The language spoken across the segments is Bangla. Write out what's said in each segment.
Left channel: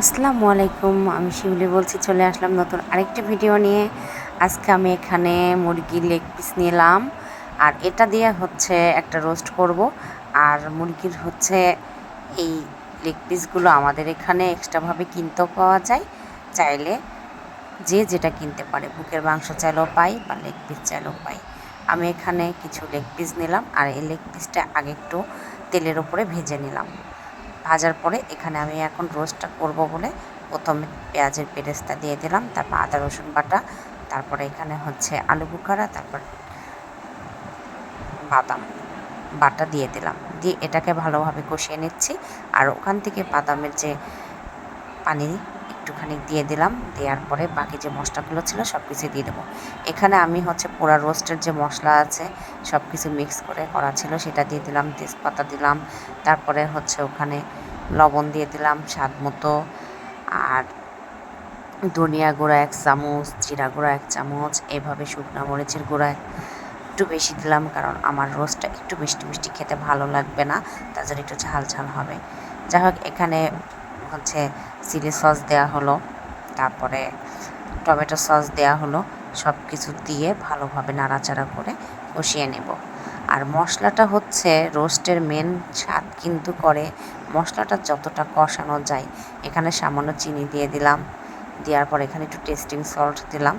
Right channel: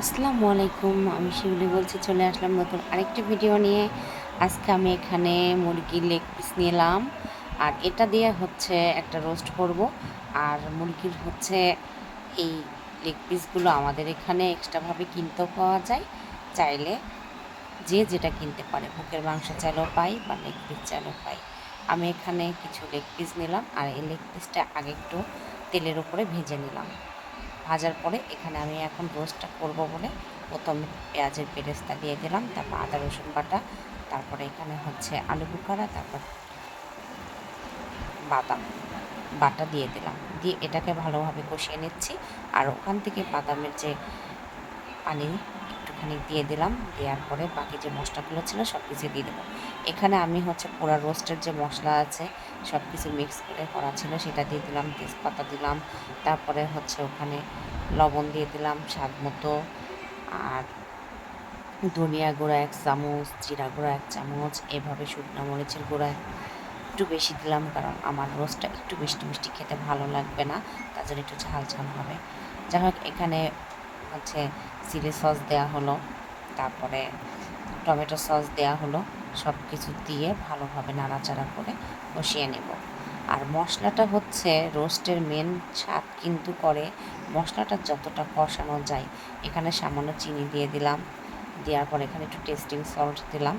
আসসালামু আলাইকুম, আমি শিউলি বলছি, চলে আসলাম নতুন আরেকটি ভিডিও নিয়ে। আজকে আমি এখানে মুরগি লেগ পিস নিলাম, আর এটা দিয়ে হচ্ছে একটা রোস্ট করব। আর মুরগির হচ্ছে এই লেগ পিসগুলো আমাদের এখানে এক্সট্রাভাবে কিনতেও পাওয়া যায়। চাইলে যে যেটা কিনতে পারে, বুকের মাংস চাইলেও পাই বা লেগ পিস চাইলেও পাই। আমি এখানে কিছু লেগ পিস নিলাম, আর এই লেগ পিসটা আগে একটু তেলের উপরে ভেজে নিলাম। ভাজার পরে এখানে আমি এখন রোস্টটা করব বলে প্রথমে পেঁয়াজের পেরেস্তা দিয়ে দিলাম, তারপর আদা, রসুন বাটা, তারপরে এখানে হচ্ছে আলু বুখারা, তারপর বাদাম বাটা দিয়ে দিলাম। দিয়ে এটাকে ভালোভাবে কষিয়ে নিচ্ছি। আর ওখান থেকে বাদামের যে পানি একটুখানি দিয়ে দিলাম, দেওয়ার পরে বাকি যে মশলাগুলো ছিল সব কিছু দিয়ে দেবো। এখানে আমি হচ্ছে পোড়া রোস্টের যে মশলা আছে সব কিছু মিক্স করে করা ছিল, সেটা দিয়ে দিলাম, তেজপাতা দিলাম, তারপরে হচ্ছে ওখানে লবণ দিয়ে দিলাম স্বাদ মতো, আর ধনিয়া গুঁড়া এক চামচ, জিরা গুঁড়া এক চামচ, এভাবে শুকনো মরিচের গুঁড়া একটু বেশি দিলাম কারণ আমার রোস্টটা একটু মিষ্টি মিষ্টি খেতে ভালো লাগবে না জন্য একটু ঝাল ঝাল হবে। যাই হোক, এখানে হচ্ছে চিলি সস দেওয়া হলো, তারপরে টমেটো সস দেওয়া হলো সব কিছু দিয়ে ভালোভাবে নাড়াচাড়া করে কষিয়ে নেব। আর মশলাটা হচ্ছে রোস্টের মেন স্বাদ কিন্তু করে মশলাটা যতটা কষানো যায়। এখানে সামান্য চিনি দিয়ে দিলাম, দেওয়ার পর এখানে একটু টেস্টিং সল্ট দিলাম,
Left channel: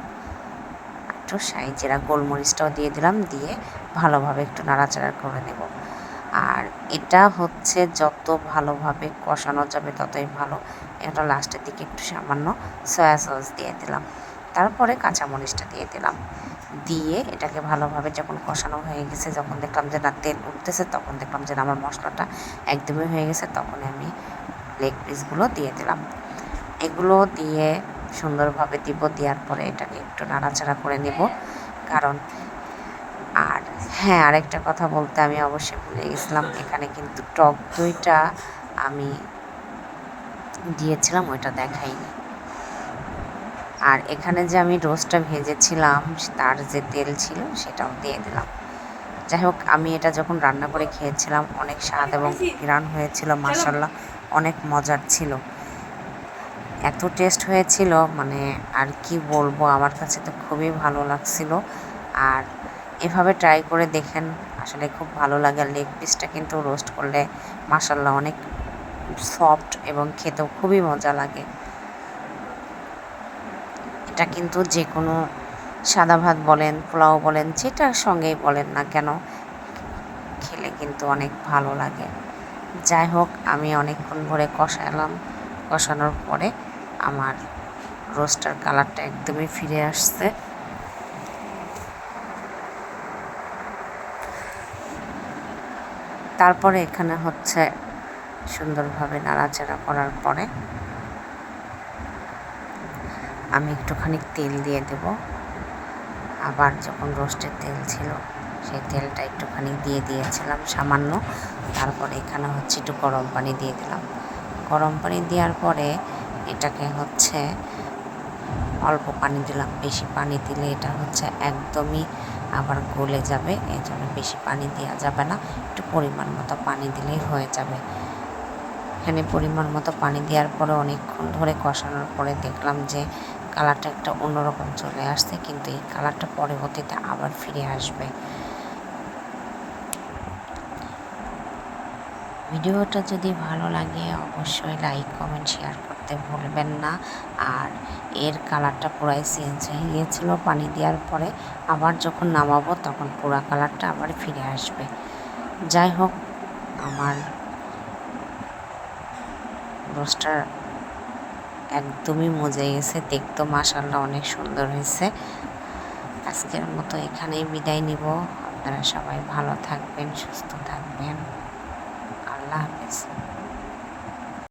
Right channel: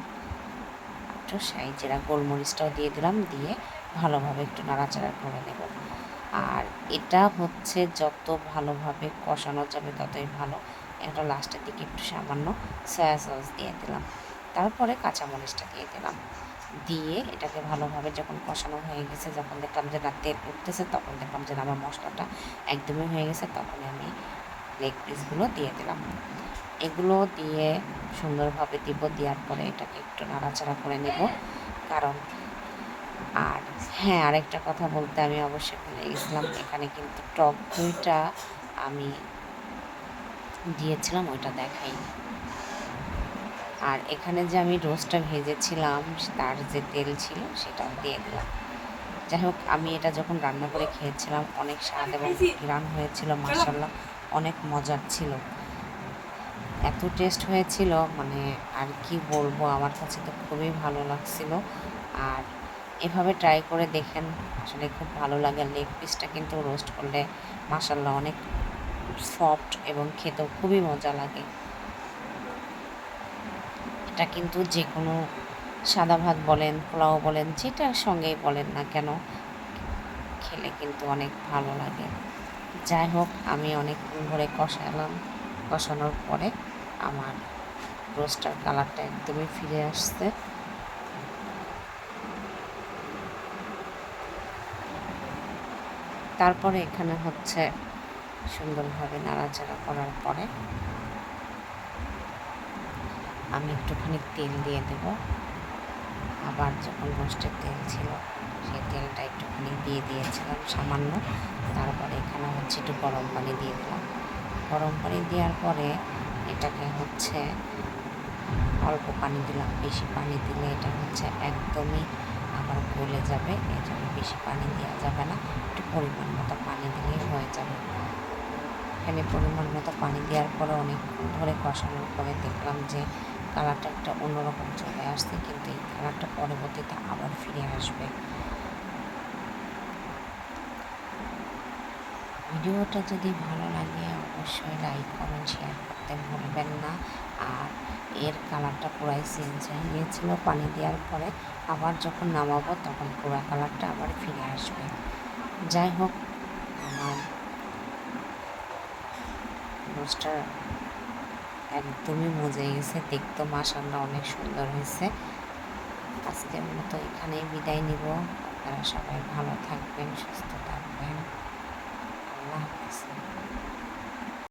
একটু সাইজেরা গোলমরিচটাও দিয়ে দিলাম, দিয়ে ভালোভাবে একটু নাড়াচাড়া করে নেব। আর এটা হচ্ছে যত ভালোভাবে কষানো যাবে ততই ভালো। এটা লাস্টের দিকে একটু সামান্য সয়া সস দিয়ে দিলাম। তারপরে কাঁচামরিচটা দিয়ে দিলাম। দিয়ে এটাকে ভালোভাবে যখন কষানো হয়ে গেছে, যখন দেখলাম যে না, তেল উঠতেছে, তখন দেখলাম যে আমার মশলাটা একদমই হয়ে গেছে, তখন আমি লেগ পিসগুলো দিয়ে দিলাম। এগুলো দিয়ে সুন্দরভাবে দিব, দেওয়ার পরে এটাকে একটু নাড়াচাড়া করে নেব। কারণ আর হ্যাঁ আরেকটা কথা বলতে আমি অবশ্যই ভুলে গেছিলাম। এখানে কিন্তু টক দইটা আমি দিয়েছিলাম, ওইটা দেখাইনি। আর এখানে যে আমি রোস্টটা ভেজেছিলাম, তার যে তেল ছিল সেটাও দিয়ে দিলাম। যাই হোক, আমি এটা যখন রান্না করে খেয়েছিলাম, অনেক স্বাদ এবং ঘ্রাণ হয়েছিল মাসাল্লাহ অনেক মজার ছিল। এত টেস্ট হয়েছিল মানে আর কি বলব, আমার কাছে তো খুবই ভালো লাগছিল। আর এভাবে ট্রাই করে দেখেন, আসলে খুব ভালো লাগে। লেগ পিসটা কিন্তু রোস্ট করলে মাসাল্লাহ অনেক সফট এবং খেতেও খুবই মজা লাগে। এটা কিন্তু যে কোনো সাদা ভাত বলেন, পোলাও বলেন, যেটার সঙ্গেই বলেন না কেন, খেলে কিন্তু অনেক ভালো লাগে। যাই হোক, আমি অনেকক্ষণ ধরে কষালাম। কষানোর পরে আমার রোস্টার কালারটা একদমই ফিরে আসছে। তারপরে এখানে হচ্ছে সুন্দরভাবে নাড়াচাড়া করার পরে আমি একটুখানি তেল দিয়ে দেব। আবার যখন রোস্টের তেল ছিল, সেই তেলটা একটুখানি দিয়ে দিয়েছিলাম সামান্য। তারপরে এখানে হচ্ছে একটু গরম পানি দিয়ে দিলাম। গরম পানি দেওয়ার পরে এটাকে হচ্ছে অল্প পানি দিলাম। বেশি পানি দিলে এটা হচ্ছে একদমই আবার গলে যাবে। এই জন্য বেশি পানি দেওয়া যাবে না। একটু পরিমাণ মতো পানি দিলেই হয়ে যাবে। এখানে পরিমাণ মতো পানি দেওয়ার পরে অনেকক্ষণ ধরে কষানোর পরে দেখলাম যে কালারটা একটা অন্যরকম চলে আসছে, কিন্তু এই কালারটা পরবর্তীতে আবার ফিরে আসবে। ভিডিওটা যদি ভালো লাগে, অবশ্যই লাইক, কমেন্ট, শেয়ার করতে ভুলবেন না। আর এর কালারটা পুরাই চেঞ্জ হয়ে গিয়েছিল। পানি দেওয়ার পরে আবার যখন নামাবো তখন পুরা কালারটা আবার ফিরে আসবে। যাই হোক, আমার রোস্টার একদমই মজে গেছে। দেখতে মাসাল্লাহ অনেক সুন্দর হয়েছে। আজকের মতো এখানেই বিদায় নিব। আপনারা সবাই ভালো থাকবেন, সুস্থ থাকবেন। আল্লাহ হাফিজ।